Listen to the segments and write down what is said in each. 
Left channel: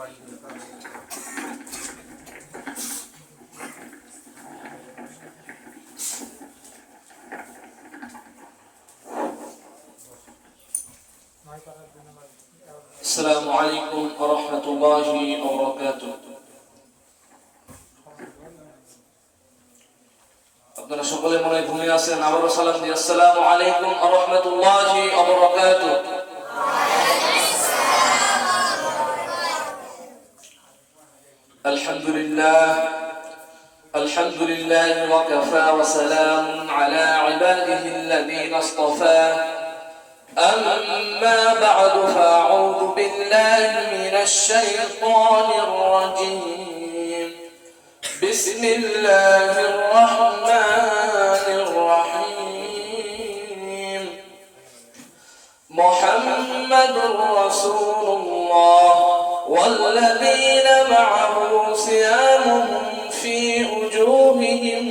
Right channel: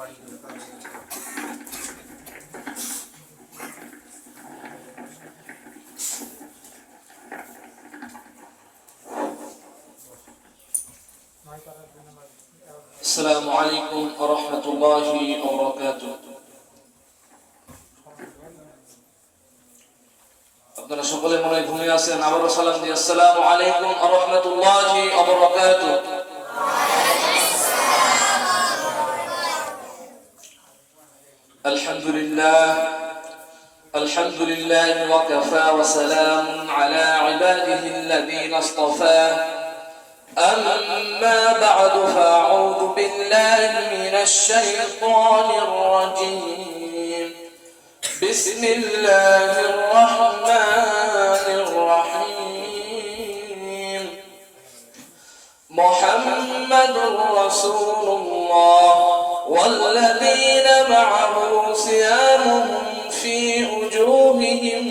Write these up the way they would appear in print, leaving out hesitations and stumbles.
السلام عليكم ورحمة الله وبركاته. আপনারা সকলে মনে ঘুমিয়ে আছেন, আবারও সালাম দিই। আসসালামু আলাইকুম ওয়া রাহমাতুল্লাহি ওয়া বারাকাতুহু। আলহামদুলিল্লাহ ওয়া কাফা ওয়া সালামুন আলা ইবাদিহি আল্লাযীনা ইসতাফা। أما بعد فأعوذ بالله من الشيطان الرجيم. بسم الله الرحمن الرحيم. محمد رسول الله والذين معه صيام في وجوههم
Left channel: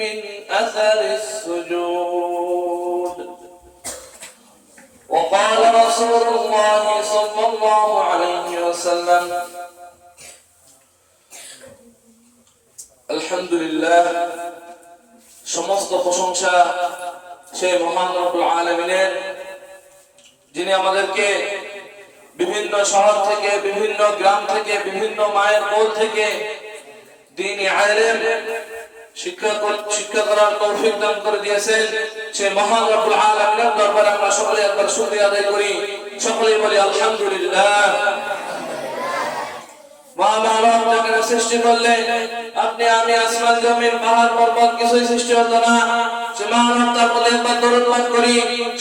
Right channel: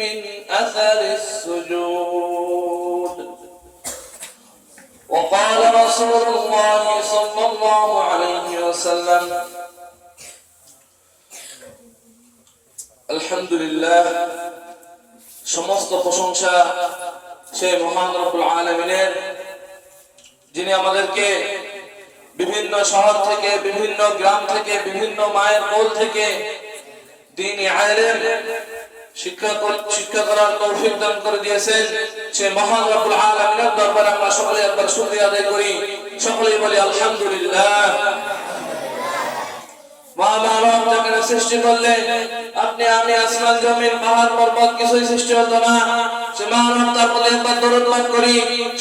من أثر السجود. وقال رسول الله صلى الله عليه وسلم আলহামদুলিল্লাহ, সমস্ত প্রশংসা সেই মহান রব্বুল আলামিনের, যিনি আমাদেরকে বিভিন্ন শহর থেকে, বিভিন্ন গ্রাম থেকে, বিভিন্ন মায়ের কোল থেকে দ্বীনি ইলম শিক্ষা করার তৌফিক দান করে দিয়েছেন। সেই মহান রব্বুল আলামিনের দরবারে আমরা সকলে একবার শুকরিয়া আদায় করি, সকলেই বলি আলহামদুলিল্লাহ। মহামানব জগতের সৃষ্টি করলে আপনি আমি আসমান জমিন পাহাড় পর্বত কিছুই সৃষ্টি হতো না। সে মহানব তার প্রতি একবার দরুদ পাঠ করি,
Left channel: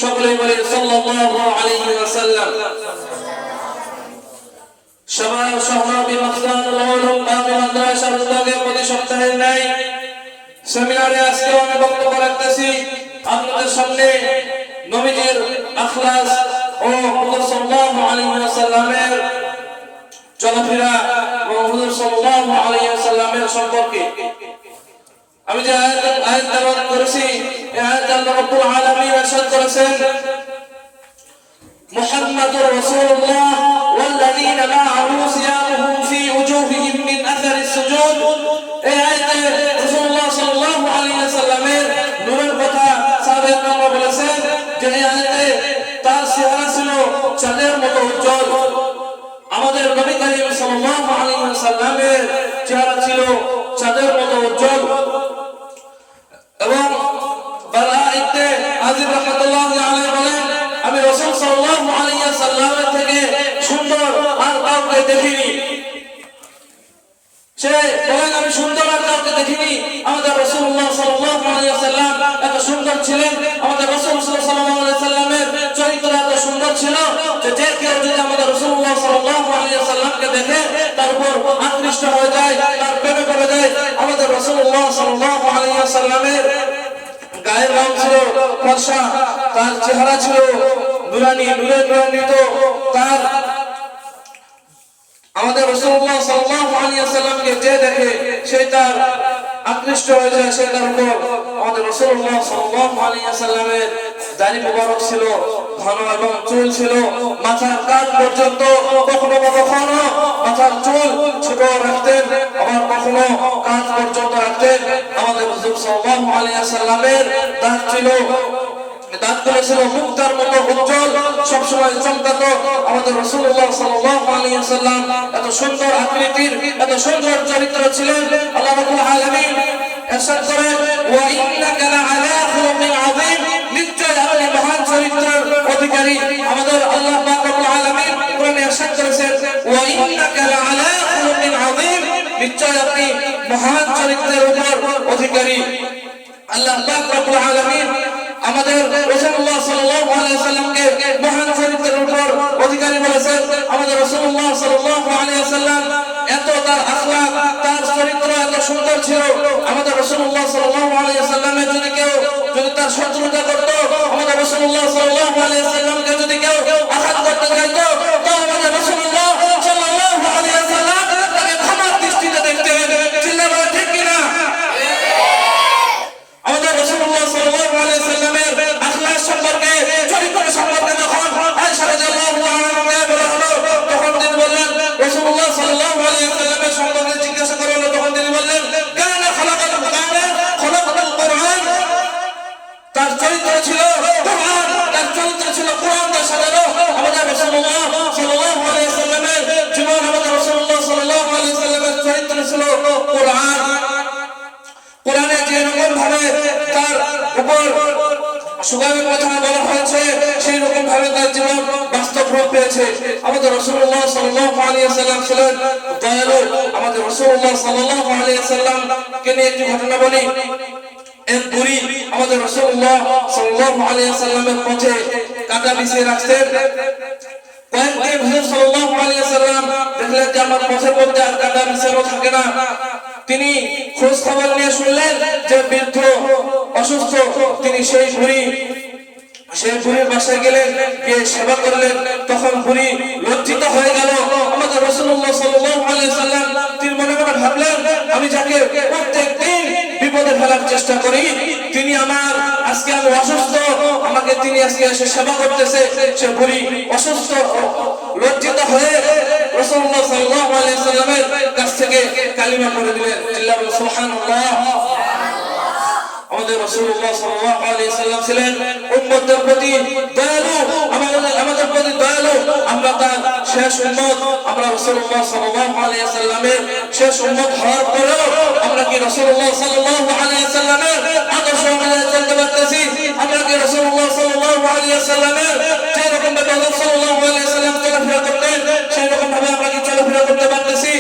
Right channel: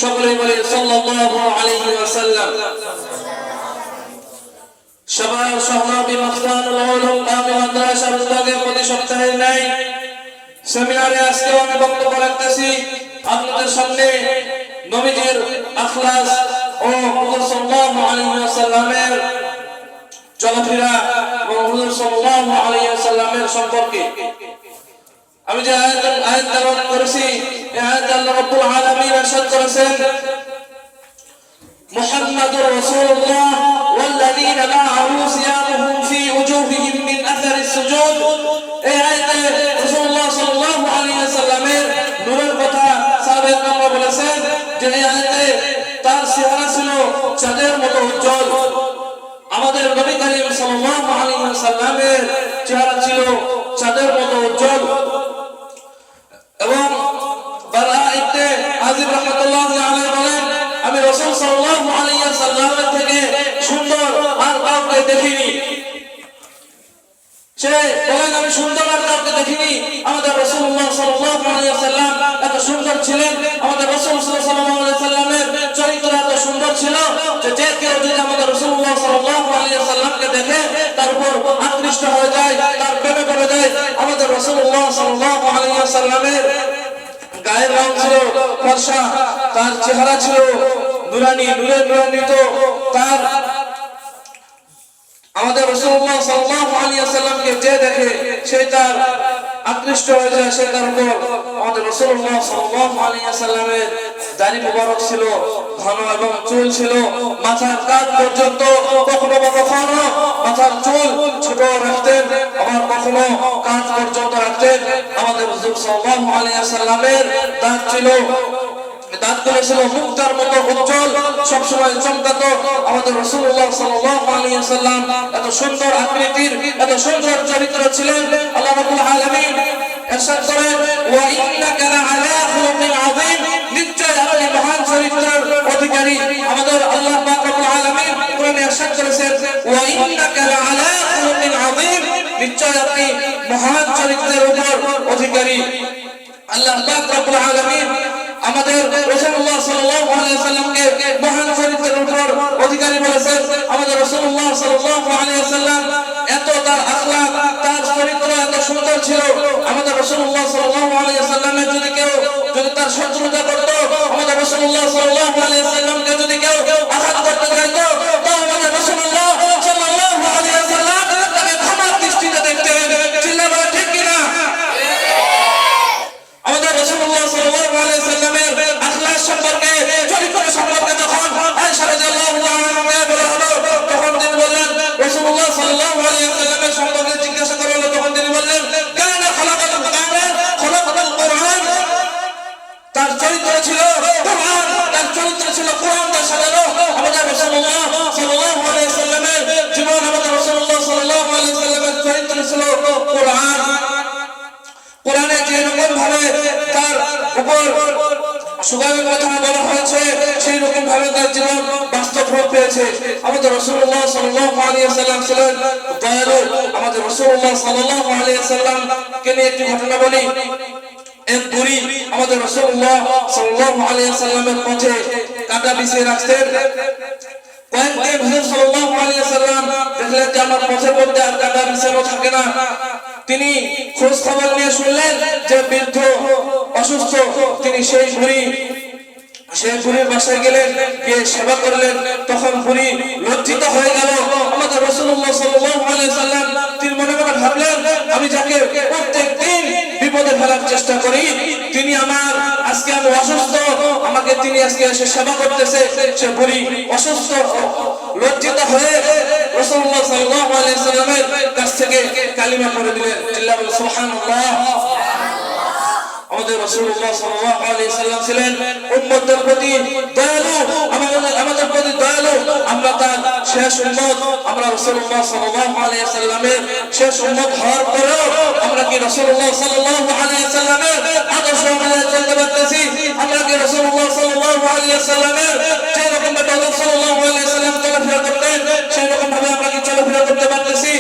সকলেই বলি সাল্লাল্লাহু আলাইহি ওয়াসাল্লাম। সবাই সহরাবি মাসলান ওয়ালুম বাকি মাদ্রাসা বিভাগের প্রতি সপ্তাহে নাই সেমিনারে আজকে আমি বক্তব্য রাখতেছি আপনাদের সামনে নবীজির আখলাস ও সাল্লাল্লাহু আলাইহি ওয়াসাল্লামের চলাফেরা এবং হুজুর সাল্লাল্লাহু আলাইহি ওয়াসাল্লামের সম্পর্কে। আমি যে আয়াত তেলাওয়াত করেছি, এই আয়াত আল্লাহ রাব্বুল আলামিন ইরশাদ করেছেন, মুহাম্মাদুর রাসূলুল্লাহ ওয়াল্লাযীনা মা'আহু সিয়ামুহুম ফি ওজুহিহিম মিন আথারি সুজুদ। এই আয়াতে রাসূলুল্লাহ সাল্লাল্লাহু আলাইহি ওয়াসাল্লামের নূরের কথা সাহাবায়ে কেরাম বলেছেন যে এই আয়াতে তার চেহারা ছিল চাঁদের মতো উজ্জ্বল। আমাদের নবী করিম সাল্লাল্লাহু আলাইহি ওয়াসাল্লামের চেহারা ছিল চাঁদের মতো উজ্জ্বল। এবং বালা ইবনে আযিব রাহমাতুল্লাহি আলাইহি বলেন, আমি রাসূল সাল্লাল্লাহু আলাইহি ওয়াসাল্লামের থেকে সুন্দর আর কাউকে দেখিনি। সে বলেন, আমি সুন্দর আর কাউকে দেখিনি। আমাদের রাসূলুল্লাহ সাল্লাল্লাহু আলাইহি ওয়াসাল্লাম এত সুন্দর ছিলেন, আমাদের রাসূল সাল্লাল্লাহু আলাইহি ওয়াসাল্লামের চরিত্র এত সুন্দর ছিল যে কেউ যদি আমাদের রাসূলুল্লাহ সাল্লাল্লাহু আলাইহি ওয়াসাল্লামকে দেখে তার উপর আকৃষ্ট হয়ে যায়, তার প্রেমে পড়ে যায়। আমাদের রাসূলুল্লাহ সাল্লাল্লাহু আলাইহি ওয়াসাল্লামের গায়ের রং ছিল ফর্সা, তার চেহারা ছিল নুরানি, নূরে নূরান্বিত। তার আমাদের রাসূলুল্লাহ সাল্লাল্লাহু আলাইহি ওয়াসাল্লামকে যে দেখে সে তার আকৃষ্ট হয়ে যায়, সে তার উপর। আমাদের রাসূলুল্লাহ সাল্লাল্লাহু আলাইহি ওয়াসাল্লামের দাড়ি মুবারক ছিল, ঘন এবং চুল ছিল মাথার কাঁধ পর্যন্ত। কখনো কখনো মাথার চুল ছোট রাখতেন, আবার কখনো কাঁধ পর্যন্ত রাখতেন। আমাদের রাসূল সাল্লাল্লাহু আলাইহি ওয়াসাল্লামের দাঁত ছিল, দাঁতগুলো ছিল মুক্তার মতো উজ্জ্বল, সবসময় চমকাতো। আমাদের রাসূলুল্লাহ সাল্লাল্লাহু আলাইহি ওয়াসাল্লাম এত সুন্দর আকৃতির, এত সুন্দর চরিত্র ছিলেন। আল্লাহ রাব্বুল আলামিন ইরশাদ করেন, ওয়া ইন্নাকা লাআলা খুলুকিন আযীম, নিশ্চয় আপনি মহান চরিত্রের অধিকারী। আমাদের আল্লাহ পাক রব্বুল আলামিন কোরআনে ইরশাদ করেছেন, ওয়া ইন্নাকা লাআলা খুলুকিন আযীম, নিশ্চয় আপনি মহান চরিত্রের উপর অধিকারী। আল্লাহ পাক রব্বুল আলামিন আমাদের রাসূলুল্লাহ সাল্লাল্লাহু আলাইহি ওয়াসাল্লামকে মহান চরিত্রের উপর অধিকারী বলেছেন। আমাদের রাসূলুল্লাহ সাল্লাল্লাহু আলাইহি ওয়াসাল্লাম এত তার আখলাক, তার চরিত্র এত সুন্দর ছিল। আমাদের রাসূলুল্লাহ সাল্লাল্লাহু আলাইহি ওয়াসাল্লামের যদি কেউ যদি তার শত্রুতা করত, আমাদের রাসূলুল্লাহ সাল্লাল্লাহু আলাইহি ওয়াসাল্লামকে যদি কেউ আঘাত করতে চাইতো, তো আমাদের রাসূলুল্লাহ সাল্লাল্লাহু আলাইহি ওয়াসাল্লাম তাকে ক্ষমার দৃষ্টিতে দেখতেন। চিল্লাবেন ঠিক কি না? আমাদের রাসূলুল্লাহ সাল্লাল্লাহু আলাইহি ওয়াসাল্লামের আখলাক সম্পর্কে, চরিত্র সম্পর্কে যখন আয়েশা রাদিয়াল্লাহু তাআলা আনহা বলা হলো, তখন তিনি বলেন, রাসূলুল্লাহ কোরআন। কোরআনে যে রকম ভাবে তার উপর সুগামের কথা বলা হয়েছে সেই রকম ভাবে তার জীবন বাস্তব রূপ পেয়েছে। আমাদের রাসূলুল্লাহ সাল্লাল্লাহু আলাইহি ওয়াসাল্লাম ছিলেন দয়ালু। আমাদের রাসূলুল্লাহ সাল্লাল্লাহু আলাইহি ওয়াসাল্লাম কে নিয়ে একটি ঘটনা বলি। এক বুড়ি আমাদের রাসূলুল্লাহ সাল্লাল্লাহু আলাইহি ওয়াসাল্লামের পথে কাঁটা বিছিয়ে রাখতেন। কয়েকদিন হুজুর সাল্লাল্লাহু আলাইহি ওয়াসাল্লাম দেখলেন যে আমার পথের মধ্যে আর কাঁটা বিছানো থাকে না। তিনি খোঁজ খবর নিয়ে শুনলেন যে বৃদ্ধ অসুস্থ। তিনি সেই বুড়ির বাসায় গেলেন, গিয়ে সেবা করলেন। তখন বুড়ি লজ্জিত হয়ে গেল। আমাদের রাসূলুল্লাহ সাল্লাল্লাহু আলাইহি ওয়াসাল্লাম তিনি মনে মনে ভাবলেন, আমি যাকে প্রত্যেকদিন বিপদে ফেলার চেষ্টা করি, তিনি আজকে আমি অসুস্থ, আমাকে তিনি আজকে এসে সেবা করতেছে। সে বুড়ি অসুস্থ। লজ্জিত হয়ে রাসূলুল্লাহ সাল্লাল্লাহু আলাইহি ওয়াসাল্লামের কাছ থেকে কালিমা পড়ে দিলেন। আল্লাহু সুবহানাল্লাহ। আমাদের রাসূলুল্লাহ সাল্লাল্লাহু আলাইহি ওয়াসাল্লাম ছিলেন উম্মতের প্রতি দয়ালু, আমাদের প্রতি দয়ালু। আমরা তার শেষ উম্মত। আমরা রাসূলুল্লাহ সাল্লাল্লাহু আলাইহি ওয়াসাল্লামের শেষ উম্মত হওয়ার পরেও আমরা কি রাসূলুল্লাহ সাল্লাল্লাহু আলাইহি ওয়াসাল্লামের আদর্শ অনুযায়ী চলতে পারতেছি? আমরা কি রাসূলুল্লাহ সাল্লাল্লাহু আলাইহি ওয়াসাল্লামের যে রকম ভাবে রাসূল সাল্লাল্লাহু আলাইহি ওয়াসাল্লাম চলাফেরা করতেন সেই রকম ভাবে আমরা কি চলাফেরা করতে পারতেছি?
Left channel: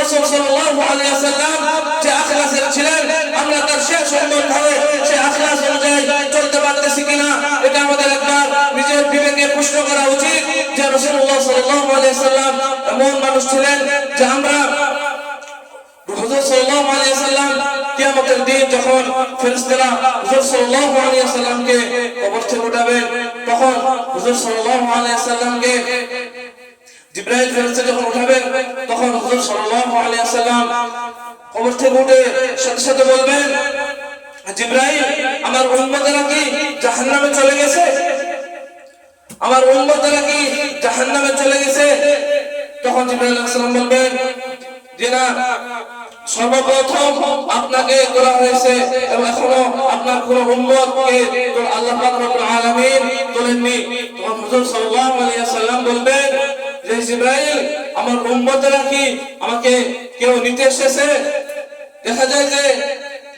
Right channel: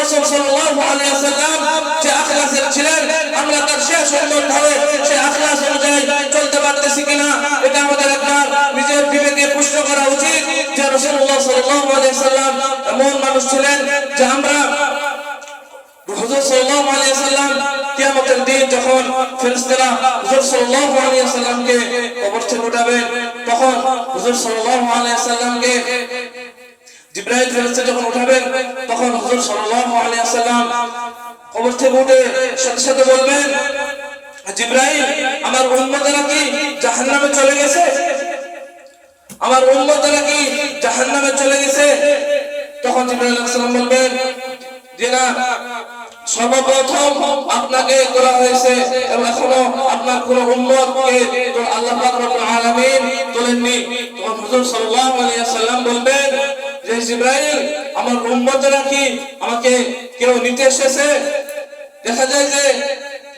রাসূল সাল্লাল্লাহু আলাইহি ওয়াসাল্লাম যে আখলাসের ছিলেন, আমরা তার শেষ উম্মত হয়ে সেই আখলাস অনুযায়ী চলতে পারতেছি কিনা, এটা আমাদের একবার নিজের বিবেকে প্রশ্ন করা উচিত। যে রাসূলুল্লাহ সাল্লাল্লাহু আলাইহি ওয়াসাল্লাম এমন মানুষ ছিলেন যে আমরা হুজুর সাল্লাল্লাহু আলাইহি ওয়াসাল্লাম কিয়ামতের দিন যখন ফেরেশতারা হুজুর সাল্লাল্লাহু আলাইহি ওয়াসাল্লামকে কবর থেকে উঠাবেন, তখন হুজুর সাল্লাল্লাহু আলাইহি ওয়াসাল্লামকে জিবরাইল ফেরেশতা যখন উঠাবেন, তখন হুজুর সাল্লাল্লাহু আলাইহি ওয়াসাল্লাম কবর থেকে উঠে সাথে সাথে বলবেন, জিবরাইল, আমার উম্মতেরা কি জাহান্নামে চলে গেছে? আমার উম্মতেরা কি জাহান্নামে চলে গেছে? তখন জিবরাইল আলাইহিস সালাম বলবেন যে না, সর্বপ্রথম আপনাকে তোলা হয়েছে এবং এখনো আপনার কোন উম্মতকে আল্লাহ পাক রব্বুল আলামিন তোলেননি। তখন হুজুর সাল্লাল্লাহু আলাইহি ওয়াসাল্লাম বলবেন যে জিবরাইল, আমার উম্মতেরা কি আমাকে কেউ নিতে এসেছে? দেখা যায় যে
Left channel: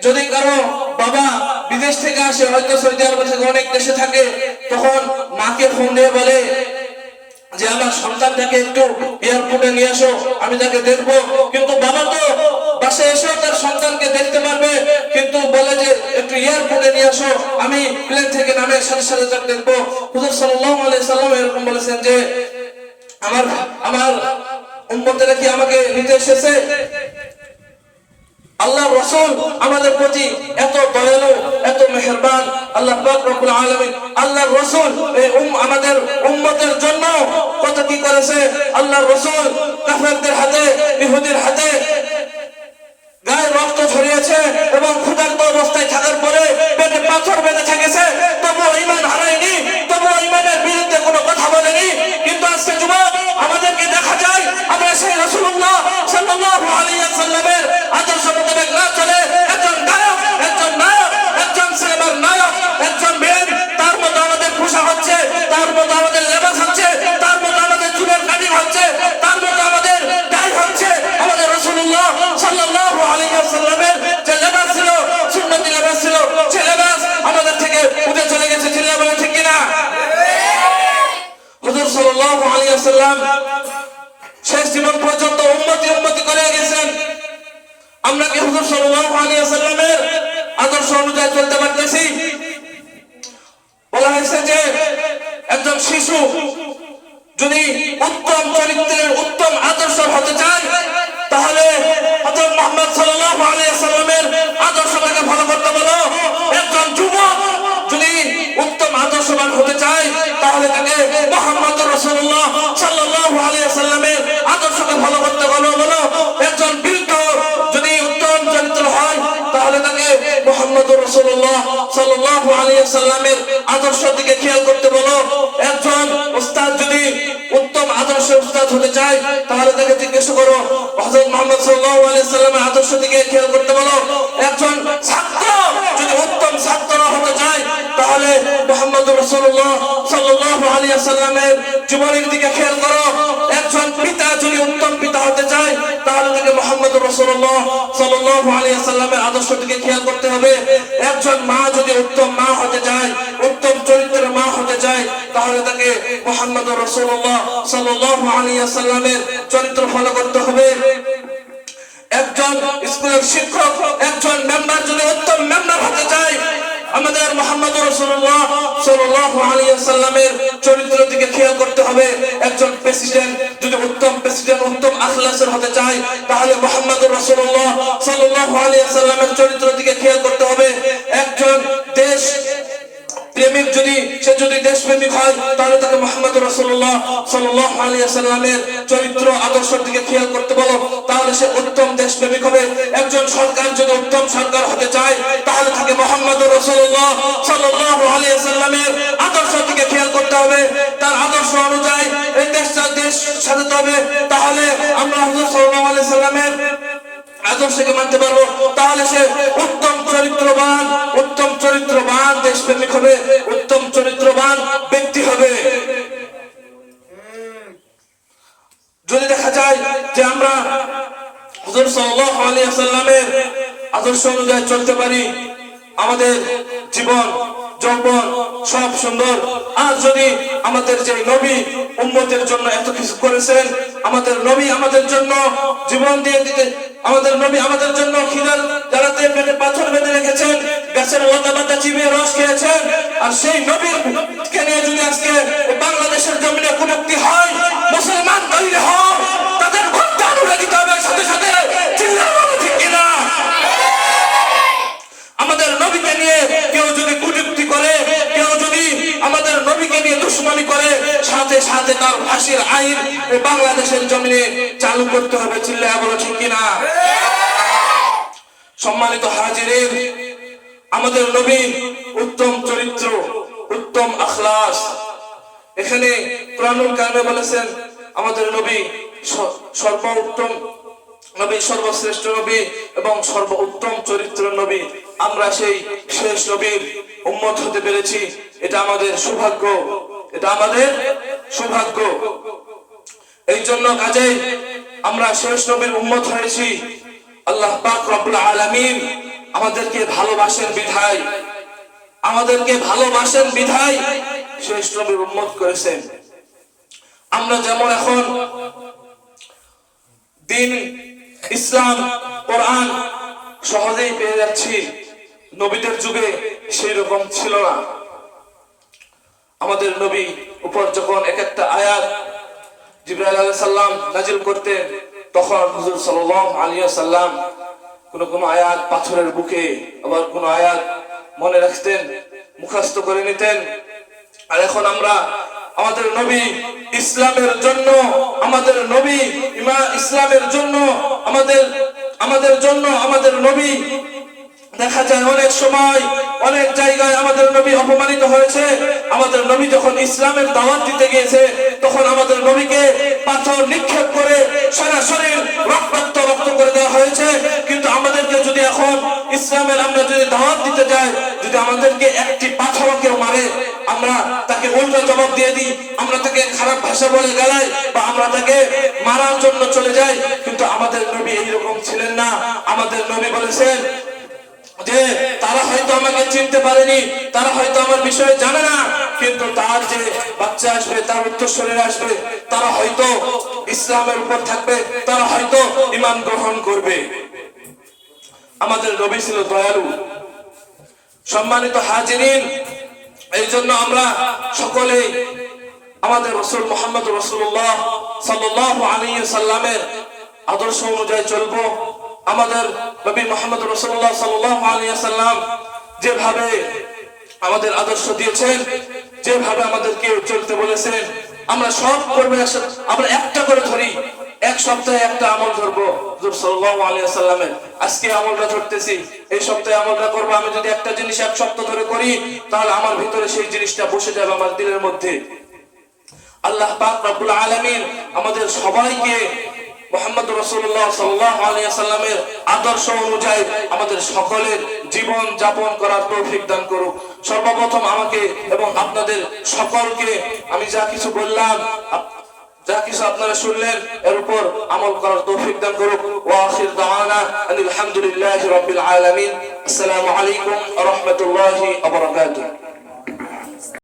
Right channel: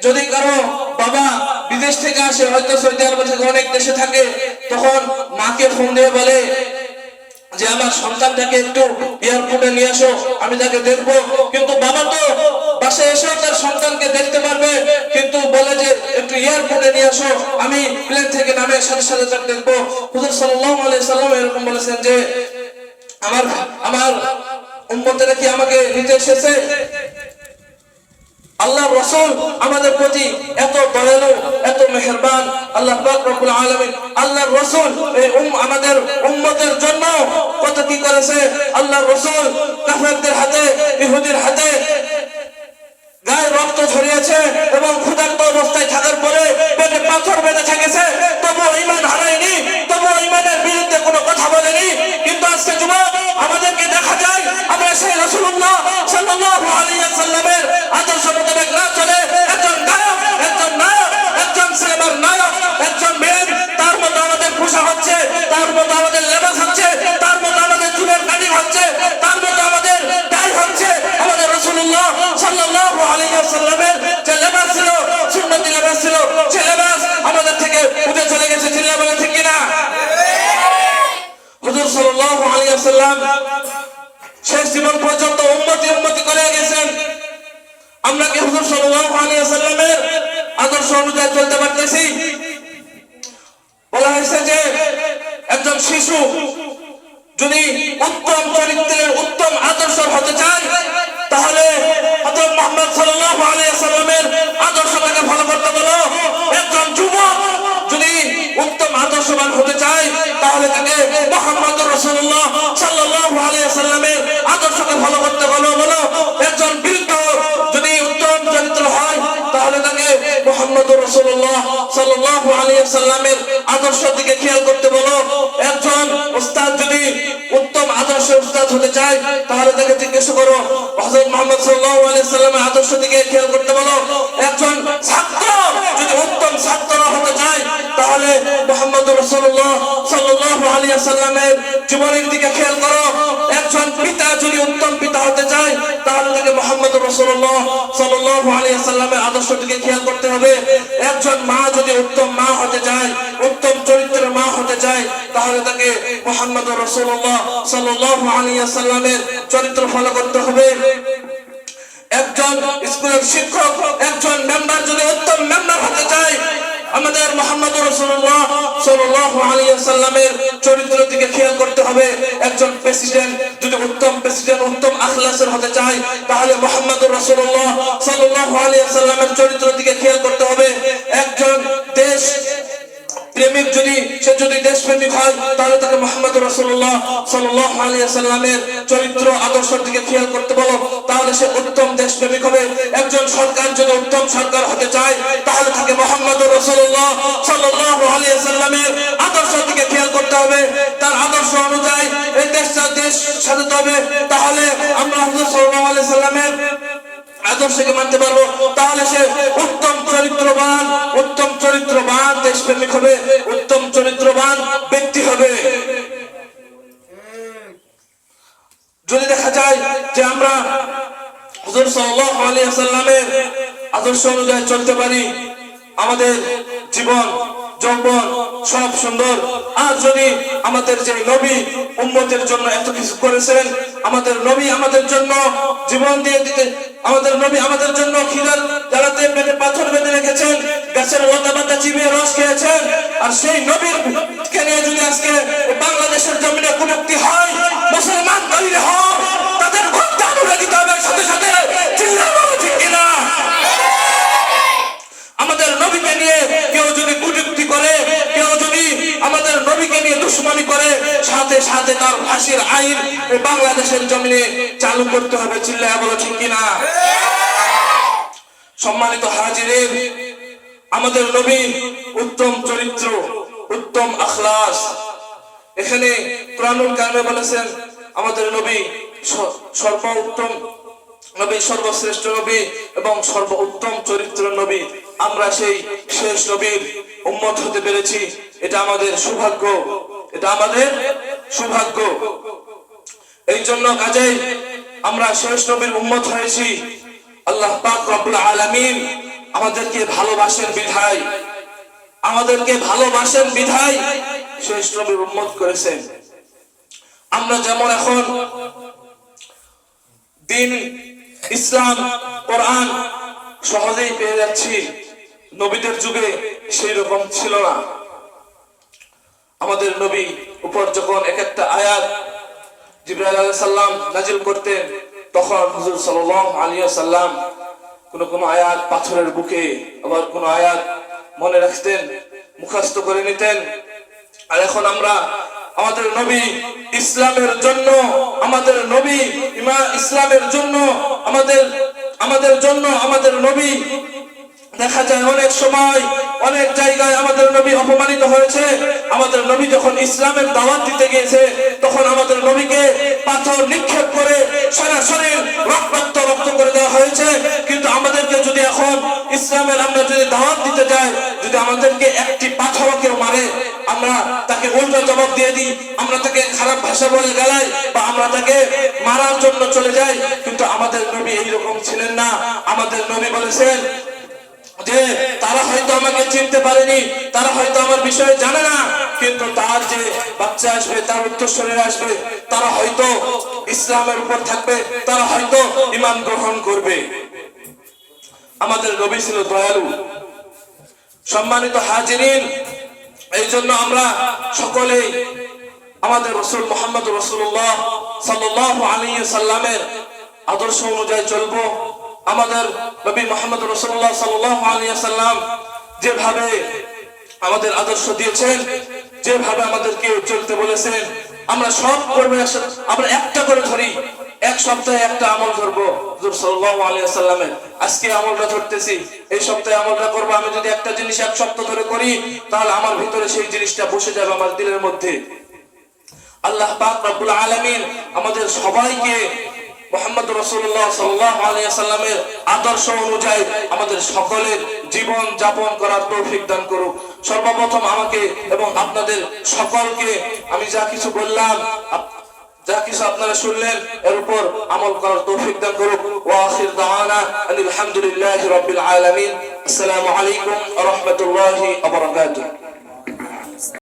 যদি কারো বাবা বিদেশ থেকে আসে, হয়তো সৌদি আরব থেকে অনেক দেশে থাকে, তখন মাকে ফোন দিয়ে বলে যে আমার সন্তানটাকে একটু এয়ারপোর্টে নিয়ে আসো, আমি তাকে দেখবো। কিন্তু বাবা তো বাসায় এসে তার সন্তানকে দেখতে পারবে, কিন্তু বলে যে একটু এয়ারপোর্টে নিয়ে আসো, আমি প্লেন থেকে নামে সাথে সাথে তাকে দেখবো। হুজুর সাল্লাল্লাহু আলাইহি ওয়াসাল্লাম এরকম বলেছেন যে আমার উম্মতেরা কি আমাকে নিতে এসেছে? আল্লাহর রাসূল আমাদের প্রতি এত দয়ালু, এত মেহেরবান। আল্লাহ পাক রব্বুল আলামিন আল্লাহর রাসূল আমাদের উম্মতের জন্য কত কি করেছে। আল্লাহর রাসূল কাফেরদের হাতে, ইহুদির হাতে গায়ে রক্ত ছড়িয়েছে এবং ক্ষুধার্ত অবস্থায় থাকার পরে পেটে পাথর বেঁধে থেকেছে, তবুও ঈমান হারায়নি, তবুও ঈমানের বিরুদ্ধে কোনো কথা বলেনি। কিন্তু আজকে যুবক আমাদেরকে দেখা যায় আমরা সেই রাসূলুল্লাহ সাল্লাল্লাহু আলাইহি ওয়াসাল্লামের আদর্শ মোতাবেক না চলে একজন গায়ক, একজন নায়ক, একজন সিনেমার নায়ক, একজন মেয়ে, তার মতো আমাদের পোশাক হচ্ছে, তার মতো আমাদের লেবাস হচ্ছে, তার মতো আমাদের চুলের কাটিং হচ্ছে, তার মতো আমাদের গায়ে হচ্ছে। আমাদের রাসূলুল্লাহ সাল্লাল্লাহু আলাইহি ওয়াসাল্লামের যে লেবাস ছিল, সুন্নতি লেবাস ছিল, সে লেবাস আমাদের থেকে উঠে চলে গেছে। চিল্লা বলে ঠিক কিনা? হুজুর সাল্লাল্লাহু আলাইহি ওয়াসাল্লাম শেষ জীবন পর্যন্ত উম্মতি করে গেছেন। আমরা কি হুজুর সাল্লাল্লাহু আলাইহি ওয়াসাল্লামের আদর্শ অনুযায়ী চলতে পারতেছি? বলা হয়েছে যে একজন শিশু যদি উত্তম চরিত্রের, উত্তম আদর্শ হতে চায়, তাহলে হযরত মুহাম্মদ সাল্লাল্লাহু আলাইহি ওয়াসাল্লামের আদর্শটাকে ফলো করতে বলো। একজন যুবক যদি উত্তম আদর্শবান হতে চায়, তাহলে তাকে মুহাম্মদুর রাসূলুল্লাহ সাল্লাল্লাহু আলাইহি ওয়াসাল্লামের আদর্শকে ফলো করতে বলো। একজন বৃদ্ধ যদি উত্তম চরিত্র হয়, তাহলে তাকে মুহাম্মদুর রাসূলুল্লাহ সাল্লাল্লাহু আলাইহি ওয়াসাল্লামের আদর্শের দিকে খেয়াল করতে বলো। একজন উস্তাদ যদি উত্তম আদর্শের উস্তাদ হতে চায়, তাহলে তাকে জিজ্ঞেস করো হযরত মুহাম্মদ সাল্লাল্লাহু আলাইহি ওয়াসাল্লামের আদর্শের দিকে খেয়াল করতে বলো। একজন ছাত্র যদি উত্তম ছাত্র হতে চায়, তাহলে মুহাম্মদুর রাসূলুল্লাহ সাল্লাল্লাহু সাল্লাল্লাহু আলাইহি ওয়াসাল্লামের জীবনের দিকে খেয়াল করো। একজন পিতা যদি উত্তম পিতা হতে চায় তাহলে তাকে মুহাম্মদ রাসূলুল্লাহ সাল্লাল্লাহু আলাইহি ওয়াসাল্লামের আদর্শ দিকে খেয়াল করতে হবে। একজন মা যদি উত্তম মা হতে চায়, উত্তম চরিত্রের মা হতে চায়, তাহলে তাকে মুহাম্মদ রাসূলুল্লাহ সাল্লাল্লাহু আলাইহি ওয়াসাল্লামের চরিত্র ফলো করতে হবে। একজন স্কুলের শিক্ষক, একজন মেম্বার যদি উত্তম মেম্বার হতে চায়, আমাদের মুহাম্মদ রাসূলুল্লাহ সাল্লাল্লাহু আলাইহি ওয়াসাল্লামের চরিত্রের দিকে খেয়াল করতে হবে। একজন প্রেসিডেন্ট যদি উত্তম প্রেসিডেন্ট, উত্তম আখলাসের হতে চায়, তাহলে মুহাম্মদ রাসূলুল্লাহ সাল্লাল্লাহু আলাইহি ওয়াসাল্লামের চরিত্রের দিকে খেয়াল করতে হবে। একজন দেশ প্রেমিক যদি দেশপ্রেমিক হয়, তাহলে তাকে মুহাম্মদ রাসূলুল্লাহ সাল্লাল্লাহু আলাইহি ওয়াসাল্লামের চরিত্র আদর্শের দিকে খেয়াল করতে বলো, তাহলে সে উত্তম দেশপ্রেমিক হবে। একজন সরকার যদি উত্তম সরকার হতে চায়, তাহলে তাকে মুহাম্মদ রাসূলুল্লাহ সাল্লাল্লাহু আলাইহি ওয়াসাল্লামের আদর্শের দিকে খেয়াল করতে হবে। তার আদর্শ অনুযায়ী এই দেশ সাজাতে হবে, তাহলে আমরা হুজুর সাল্লাল্লাহু আলাইহি ওয়াসাল্লামের আদর্শকে মানতে পারবো। তাহলে সে উত্তম চরিত্রবান দেশপ্রেমিক হবে, উত্তম চরিত্রবান ব্যক্তি হবে। যদি দেখা যায় যে আমরা হুজুর সাল্লাল্লাহু আলাইহি ওয়াসাল্লামের আদর্শ অনুযায়ী চলতে পারি, আমাদের জীবন যৌবন সব সুন্দর। আর যদি আমাদের যে নবী উম্মতের জন্য এত কিছু করেছেন, আমাদের নবী আমাদের জন্য জীবন দিয়ে দিতে, আমাদের নবী আমাদের জন্য খিলার জ্বালাতে পেটে পাথর বেঁধে রেখেছেন, গাছের লতা পাতা চিবিয়ে রস খেয়েছেন, আর সেই নবীর কে নিয়ে যদি আজকে বাংলাদেশের জমিনে কুটুক্তি হয়, মুসলমান তৈরি হয়, তাদের ভক্ত অনুরাগিত হবে সাথে সাথে চিল্লানো ঠিক কিনা? আমাদের নবীকে নিয়ে কেউ যদি কুটুক্তি করে, কেউ যদি আমাদের নবীকে নিয়ে দুশমনি করে, সাথে সাথে তার ফাঁসির আইন বাংলাদেশের জমিনে চালু করতে হবে। চিল্লায়া বলো ঠিক কিনা? সম্মানিত হাজিরিন, আমাদের নবী উত্তম চরিত্র, উত্তম আখলাস। এখানে কুরআনুল কারিমে বলেছেন আমাদের নবী সর্বোত্তম নবী, সর্বশ্রেষ্ঠ নবী এবং সর্বোত্তম চরিত্রের নবী। আমরা সেই শেষ নবীর উম্মত হতে পেরেছি, এটা আমাদের সৌভাগ্য, এটা আমাদের সৌভাগ্য। এই জন্য কাজে আমরা শেষ নবীর উম্মত হয়েছি। আল্লাহ পাক রব্বুল আলামিন আমাদেরকে ভালোবাসেন বিধায় শেষ নবীর উম্মত করেছেন। আমরা যেমন এখন দিন ইসলাম কোরআন সহজেই পেয়ে যাচ্ছি, নবীদের যুগে সেই রকম ছিল না। আমাদের নবী উপর যখন এক একটা আয়াত জিবরাইল আলাইহিস সালাম নাজিল করতেন, তখন হুজুর সাল্লাল্লাহু আলাইহি ওয়াসাল্লাম কোন আয়াত পাথরের বুকে, আবার কোন আয়াত মনে রাখতেন, মুখস্থ করে নিতেন। আর এখন আমরা আমাদের নবী ইসলামের জন্য, আমাদের নবী ইসলামের জন্য আমাদের নবী দেখা যায় অনেক সময় অনেক জায়গায় আমাদের নবী অপমানিত হয়েছে। আমাদের নবী যখন ইসলামের দাওয়াত দিতে গিয়েছে, তখন আমাদের নবীকে পাথর নিক্ষেপ করে সারা শরীর রক্ত করে দেওয়া হয়েছে। কিন্তু আমাদেরকে যদি এখন ইসলামের আমরা যদি দাওয়াত দিতে যাই, যদি আমাদেরকে একটি পাথর কেউ মারে, আমরা তাকে উল্টো জবাব দিয়ে দিই, আমরা তাকে খারাপ ভাষা বলে গালাই, বা আমরা তাকে মারার জন্য চলে যাই। কিন্তু আমাদের নবী এইরকম ছিলেন না। আমাদের নবী বলেছেন যে তারা হয়তো আমাকে চিনতে পারেনি, তারা হয়তো আমার বিষয়ে জানে না, কিন্তু তার যে বাচ্চা আসবে, তার উত্তরসূরিরা আসবে, তারা হয়তো ইসলামের উপর থাকবে, তারা হয়তো ঈমান গ্রহণ করবে। আমাদের নবী ছিল দয়ালু। সম্মানিত হাজিরিন, এই জন্য আমরা সকলেই আমাদের রাসূল মুহাম্মদ রাসূলুল্লাহ সাল্লাল্লাহু আলাইহি ওয়াসাল্লামের আদর্শ অনুযায়ী চলবো। আমাদের নবী মুহাম্মদ রাসূলুল্লাহ সাল্লাল্লাহু আলাইহি ওয়াসাল্লাম যেভাবে আমাদের আদর্শ দিয়েছেন, যেভাবে আমাদেরকে চলতে বলেছেন, আমরা সব করবো। আমরা একটা করে ধরি, এক সপ্তাহে একটা আমল ধরবো হুজুর সাল্লাল্লাহু আলাইহি ওয়াসাল্লামের। আজকে আমলটা ধরতেছি, এই সপ্তাহে আমলটা করবো। আমি যদি একটা জিনিস এক সপ্তাহ ধরে করি, তাহলে আমার ভিতরে সেই জিনিসটা বসে যাবে আমার দিলের মধ্যে। আল্লাহ পাক রব্বুল আলামিন আমাদের সবাইকে মুহাম্মদ রাসূলুল্লাহ সাল্লাল্লাহু আলাইহি ওয়াসাল্লামের আদর্শ অনুযায়ী আমাদের সকলের জীবন যাপন করার তৌফিক দান করুক। সর্বপ্রথম আমাকে এবং আপনাদের সকলকে আমি যা কিছু বললাম, যা কিছু আপনারা শুনলেন, এর উপর আমল করার তৌফিক দান করুক। ওয়া আখির দাওয়ানা আলহামদুলিল্লাহি রাব্বিল আলামিন। আসসালামু আলাইকুম ওয়া রাহমাতুল্লাহি ওয়া বারাকাতুহু।